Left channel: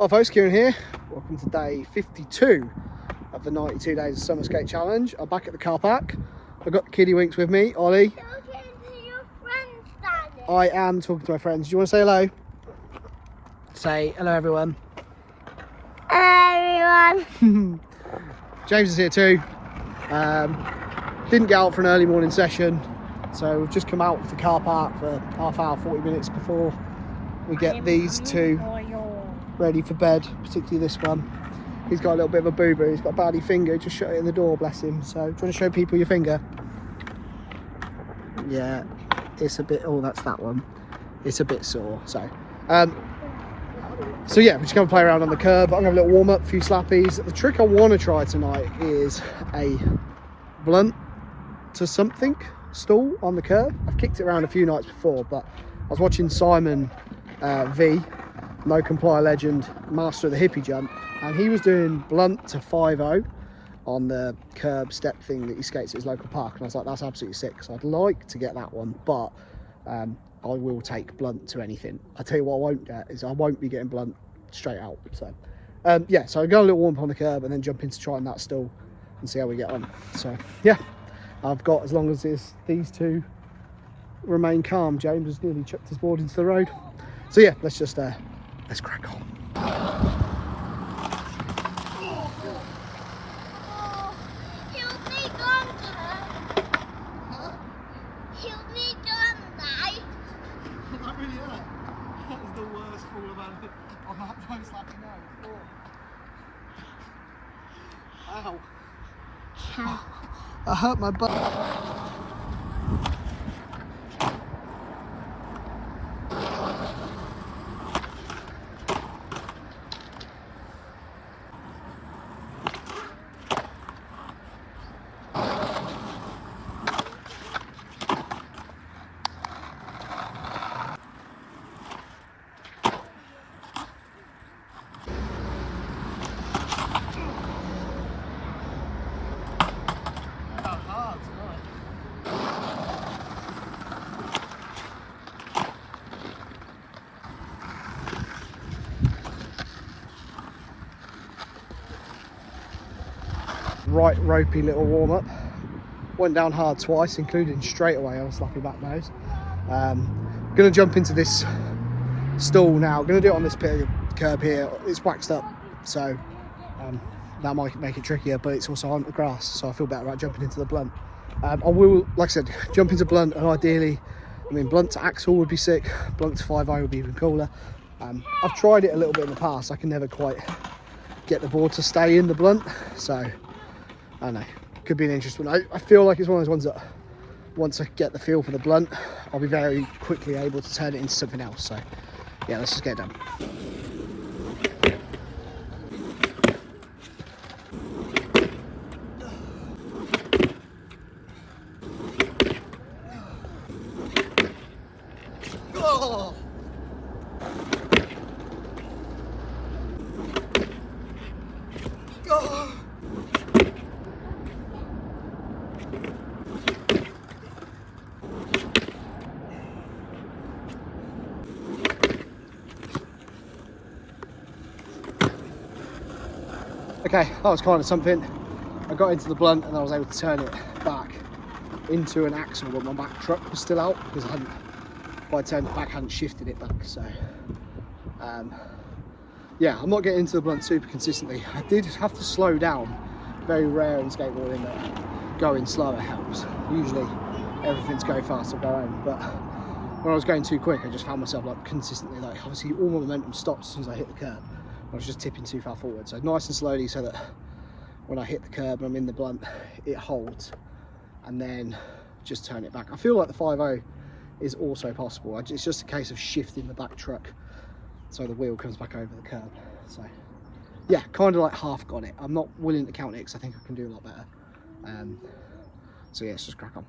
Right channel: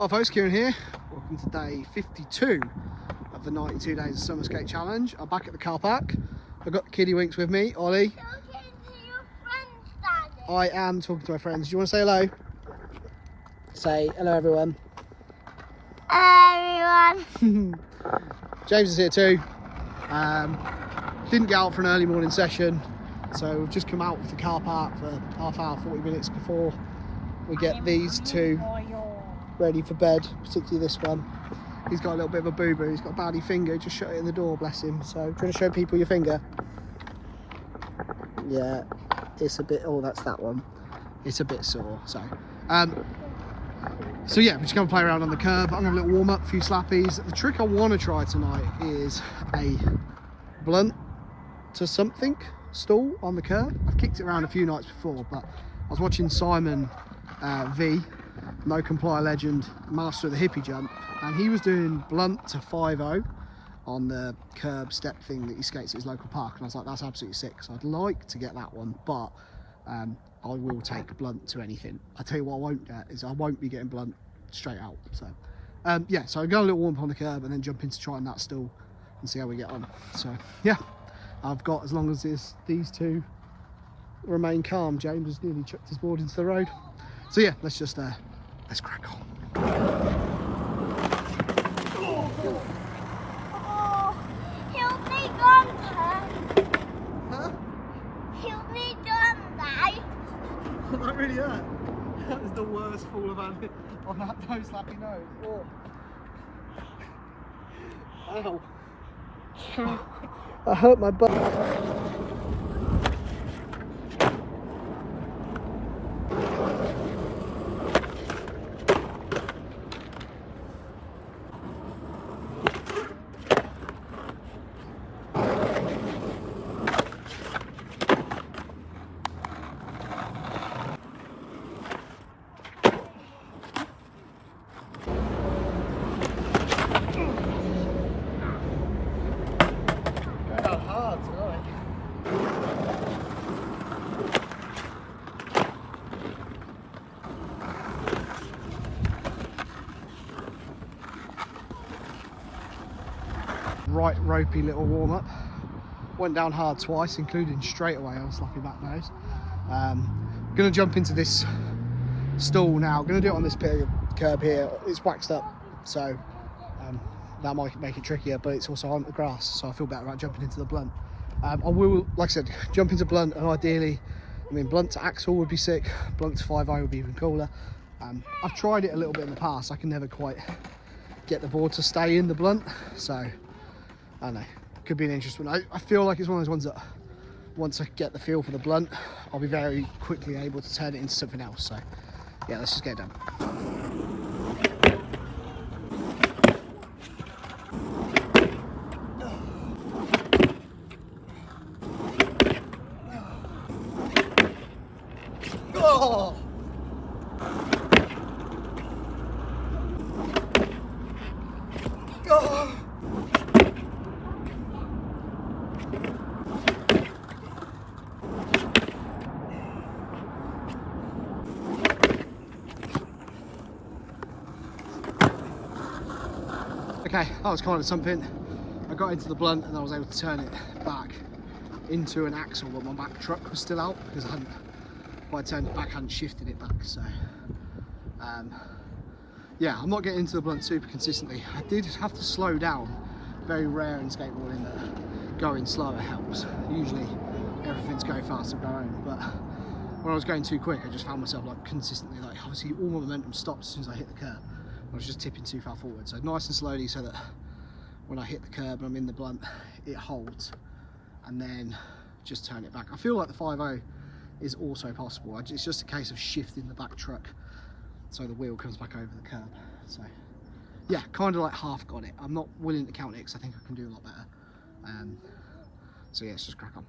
Hi folks, Kieran here. Welcome to day 52 of the 92 Days of Summer Skate Challenge. I'm back at the car park. I've got the kiddie winks with me, Ollie. I am talking to my friends. Do you want to say hello? Say hello everyone. Hello everyone. James is here too. Didn't get out for an early morning session, so we've just come out of the car park for half hour, 40 minutes before we get these two ready for bed, particularly this one. He's got a little bit of a boo-boo. He's got a baddy finger. He just shut it in the door, bless him. So, do you want to show people your finger? Yeah, it's a bit, oh, that's that one. It's a bit sore, so. So yeah, we're just going to play around on the curb. I'm going to have a little warm-up, a few slappies. The trick I want to try tonight is a blunt to something stall on the curb. I've kicked it around a few nights before, but I was watching Simon V, No Comply legend, master of the hippie jump, and he was doing blunt to 5-0 on the curb step thing that he skates at his local park, and I was like, that's absolutely sick. So I'd like to get that one, but I will take blunt to anything. I tell you what I won't get is I won't be getting blunt straight out. So yeah, so I'll go a little warm up on the curb and then jump into trying that stall and see how we get on. So yeah, I've got, as long as these two remain calm. James has nearly chucked his board into the road. So yeah, let's just let's crack on. Not really that. That was the worst fall I've had on that no slappy nose. Oh. Ow. I hurt my butt. Right ropey little warm up. Went down hard twice, including straight away on a slappy back nose. Gonna jump into this stall now. Gonna do it on this bit of curb here. It's waxed up, so that might make it trickier, but it's also on the grass, so I feel better about jumping into the blunt. I will, like I said, jump into blunt, and ideally, I mean, blunt to axle would be sick. Blunt to 5-0 would be even cooler. I've tried it a little bit in the past. I can never quite get the board to stay in the blunt, so I don't know, could be an interesting one. I feel like it's one of those ones that once I get the feel for the blunt, I'll be very quickly able to turn it into something else. So yeah, let's just get it done. Oh! Oh! Okay, that was kind of something. I got into the blunt and I was able to turn it back into an axle, but my back truck was still out because I turned it back, I hadn't shifted it back. So yeah, I'm not getting into the blunt super consistently. I did have to slow down. Very rare in skateboarding that going slower helps. Usually everything's go fast or go home, but when I was going too quick, I just found myself like consistently, like obviously all my momentum stopped as soon as I hit the curb. I was just tipping too far forward, so nice and slowly, so that when I hit the curb and I'm in the blunt, it holds, and then just turn it back. I feel like the 5-0 is also possible. It's just a case of shifting the back truck so the wheel comes back over the curb. So yeah, kind of like half got it. I'm not willing to count it because I think I can do a lot better. So yeah, let's just crack on.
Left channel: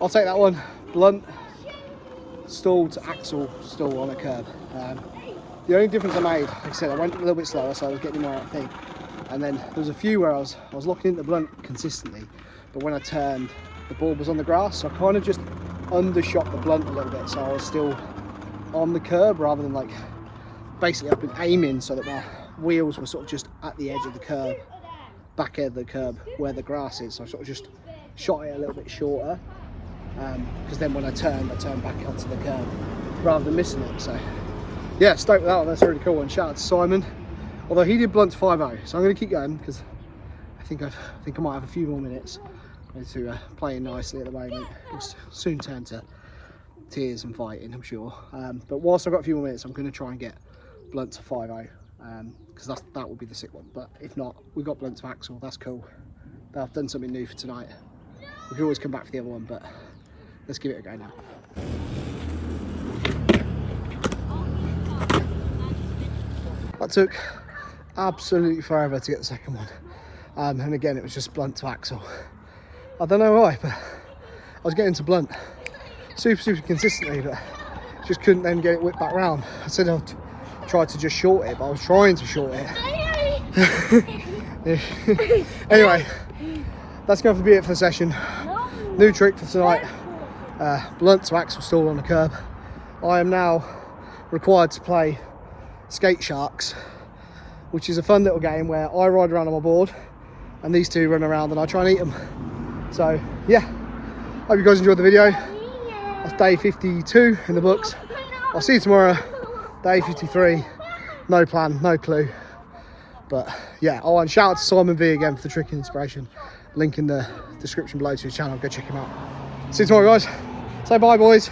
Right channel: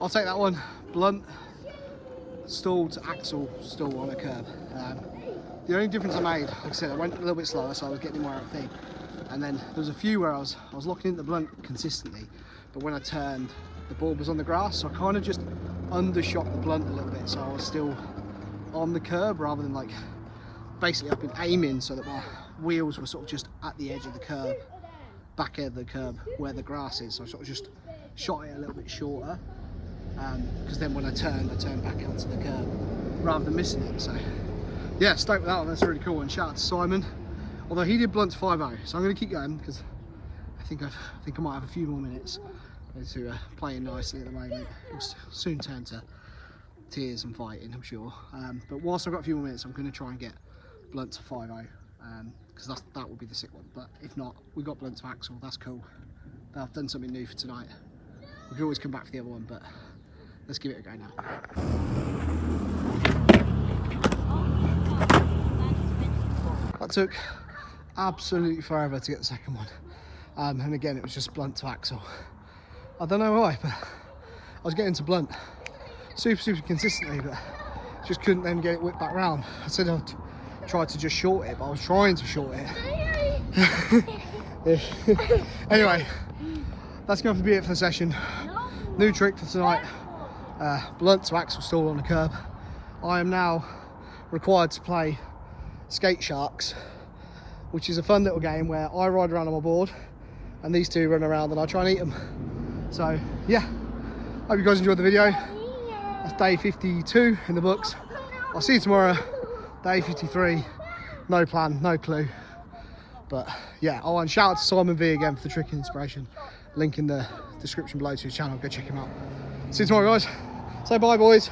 I'll take that one. Blunt, stall to axle, stall on a curb. The only difference I made, like I said, I went a little bit slower, so I was getting more out of the thing. And then there was a few where I was locking into the blunt consistently, but when I turned, the ball was on the grass, so I kind of just undershot the blunt a little bit, so I was still on the curb rather than like, basically I've been aiming so that my wheels were sort of just at the edge of the curb, back end of the curb where the grass is. So I sort of just shot it a little bit shorter, because then when I turned back onto the curb rather than missing it. So yeah, stoked with that one. That's a really cool one. Shout out to Simon, although he did blunt to 5-0, so I'm going to keep going because I think I might have a few more minutes to playing nicely at the moment. It'll soon turn to tears and fighting, I'm sure, but whilst I've got a few more minutes, I'm going to try and get blunt to 5-0, because that would be the sick one. But if not, we got blunt to axle. That's cool. But I've done something new for tonight. We can always come back for the other one, but let's give it a go now. That took absolutely forever to get the second one, and again it was just blunt to axle. I don't know why, but I was getting to blunt super consistently, but just couldn't then get it whipped back round. I said I'd try to just short it, but I was trying to short it. Anyway, that's going to be it for the session. New trick for tonight, blunt to axle stall on the curb. I am now required to play Skate Sharks, which is a fun little game where I ride around on my board and these two run around and I try and eat them. So yeah, hope you guys enjoyed the video. That's day 52 in the books. I'll see you tomorrow, day 53. No plan, no clue. But yeah, oh, and shout out to Simon V again for the trick and inspiration. Link in the description below to his channel, go check him out. See you tomorrow, guys. Say bye, boys.